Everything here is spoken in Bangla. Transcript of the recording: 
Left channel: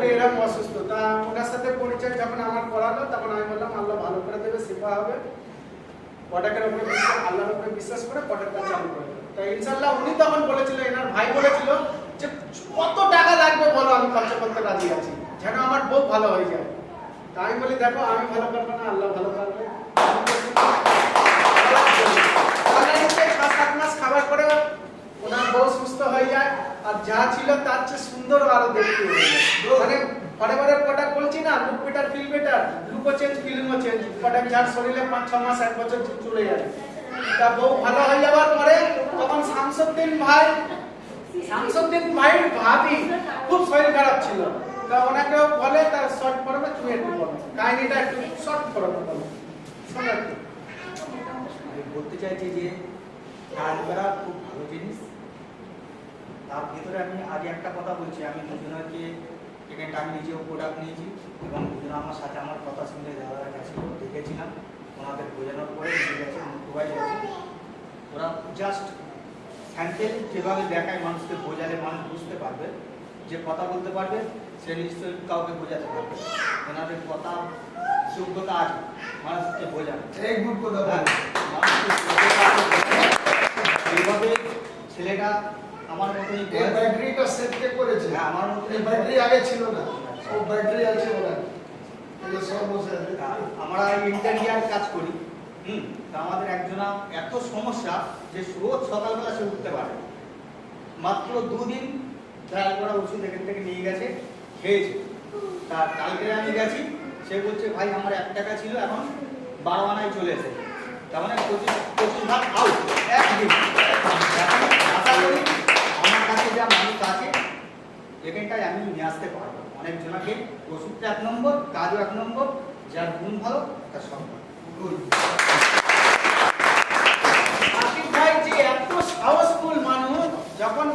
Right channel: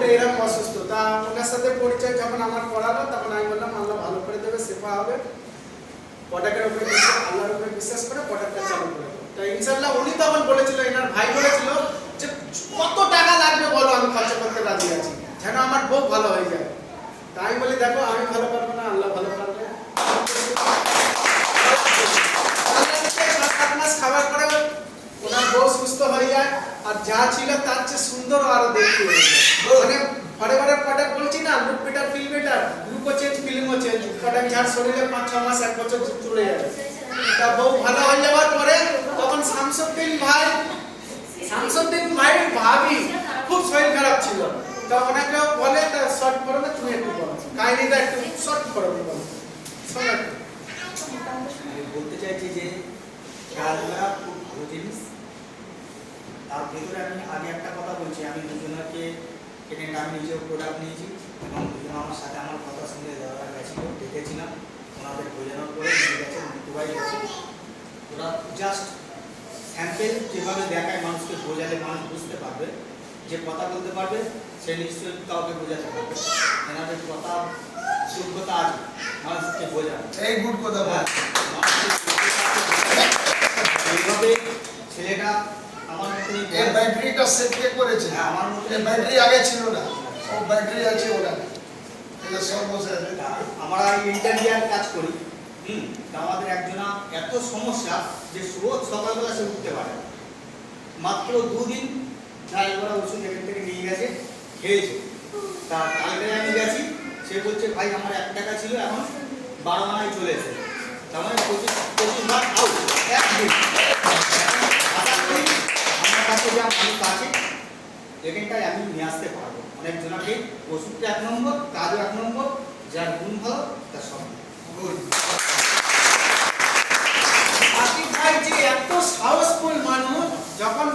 বউটা এরকম অসুস্থ, তা ওনার সাথে পরিচয় যখন আমার করালো তখন আমি বললাম আল্লাহ ভালো করে দেবে, সেবা হবে, প্রোডাক্টের উপরে বিশ্বাস, আল্লাহর উপরে বিশ্বাস করে প্রোডাক্টটা চালু করে। তো ইনশাআল্লাহ উনি তখন বলেছিল, এনার ভাই বলেছিল যে কত টাকা লাগবে বলো, আমি খরচ করতে রাজি আছি যেন আমার বউ ভালো হয়ে যায়। তা আমি বলি দেখো আমি ভালো পারবো না, আল্লাহ ভালো পারবে। খাবার পরে ওনার বউ সুস্থ হয়ে যায়, আর যা ছিল তার চেয়ে সুন্দর আরো দেখতে হয়ে যায়। মানে ঘরে ঘরে প্রোডাক্ট বলছি না, লুক বেটার ফিল বেটার, লুকও চেঞ্জ ফিলিংও চেঞ্জ, প্রোডাক্ট যার শরীরে 5-6 মাস 1 বছর চলে যায়। তা বউ ভালো হয়ে যাওয়ার পরে তখন শামসুদ্দিন ভাই ভাবি খুব শরীর খারাপ ছিল, তো ওনাকে বলে তা শর্ট করবে, তুমি একটু বলো কাহিনীটা, একটু শর্ট করবে বলো শোনো। আমি বলতে চাইছি যে খেলাধুলা খুব ভালো জিনিস। তার ভিতরে আমি আগে একটা কথা বলছি, আমি দুজনকে এখানে আমি নিজেও প্রোডাক্ট নিয়েছি এবং দুজন আমার সাথে আমার কথা শুনে যারা গেছিল দেখেছিলাম, ওনাদের বোঝানোর পরে নিয়ে গেছে, দুবাই গেছে। ওরা জাস্ট স্যাম্পেল যেভাবে দেখায় মানুষকে বোঝালে মানুষ বুঝতে পারবে, যে কথা বলতে পারবে সে নিশ্চয়ই কাউকে বোঝাতে পারবে। এনাদের কথা যোগ্যতা আছে মানুষকে বোঝানো, এই গুড কথা বল। এইভাবে ছেলেটা আমার মতনই এই ব্যাটারিটা সেট কে করেছে? হ্যাঁ, আমার মতনই এই ব্যাটারি আগে ছিল না, ও ব্যাটারি আছে ওরা, এই যে সব বসে আছে। আমরা ইন্টারভিউয়ার কাজ করি, তা আমাদের একজনা এত সমস্যা যে রোজ সকালবেলা সে উঠতে পারে, মাত্র 2 দিন ট্রায়াল করা ওষুধ এখান থেকে নিয়ে গেছে, খেয়েছে। তা কালকে আমি গেছি, সে বলছে ভাই আমার 1 টাকা ছিল এখন 12 আনায় চলে এসেছে, তার মানে 25 ভাগ আউট একদিন। আশা করি আমার কাছে যা মানুষ আছে এখানটায় আমি নিয়ে আসতে পারবো অনেকজনাকে। ওষুধটা 1 নম্বর, কাজও 1 নম্বর, যার গুণ ভালো তার সব আশিক ভাই যে এত সাহসফুল মানুষ, যখন